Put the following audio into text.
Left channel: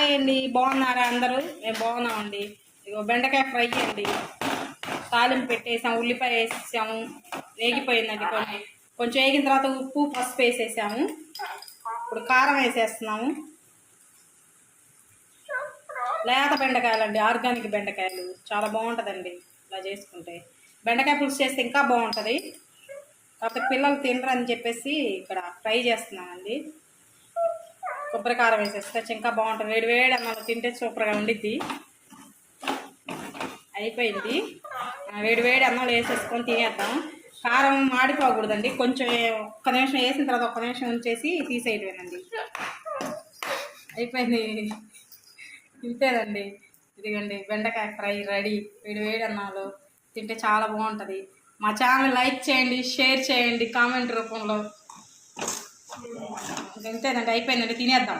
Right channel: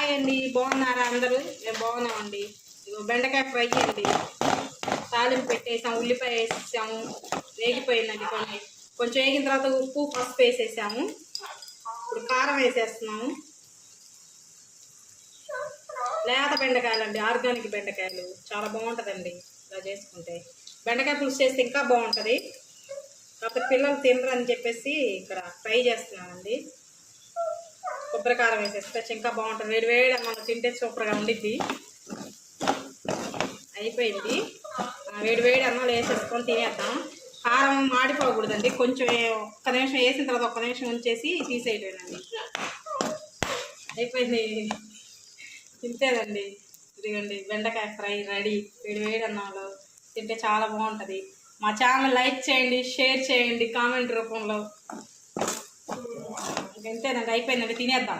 Hi అండి, బాగున్నారా అందరూ? మేము బాగున్నామండి. ఇగో బెండకాయ ఫ్రై అండి. తాలింపు పెట్టేసాము, ఉల్లిపాయ వేసేసాము, వేగిపోయిందండి. కొంచెం వేగిన తర్వాత ఉప్పు పసుపు వేసేసాము. ఇప్పుడు కారం వేసేస్తున్నాము. లేత బెండకాయలండి, ఆర్గానిక్ బెండకాయలు. చాలా బాగుంటుందండి ఇలా చేసుకుంటే. బెండకాయ పులుసు చేస్తే ఇంకా బాగుంటుంది. కాకపోతే పిల్లలు తినరని చెప్పేసి ఇక్కడ ఫ్రై చేస్తున్నానండి. కొబ్బరి కారం వేసేస్తే ఇంకా బాగుంటుంది. వేడి వేడి అన్నం తింటే సూపర్గా ఉండిద్ది. అయిపోయింది. వేడి వేడి అన్నం వేసేసుకొని తినేద్దాం. కారం మాడిపోకూడదండి. కొంచెం ఒక్క నిమిషం వేసిన తర్వాత ఒక్క నిమిషం ఉంచేసి తీసేయటమేనండి. అయిపోయింది. తింటేదండి. ఇదిగండి బెండకాయ ఫ్రై రెడీ. వేడి వేడి అన్నంలో తింటే చాలా బాగుంటుంది. మా ఛానల్ లైక్ చేయండి, షేర్ చేయండి కామెంట్ రూపంలో. ఇంతేనండి, అయిపోయిందండి. తినేద్దాం.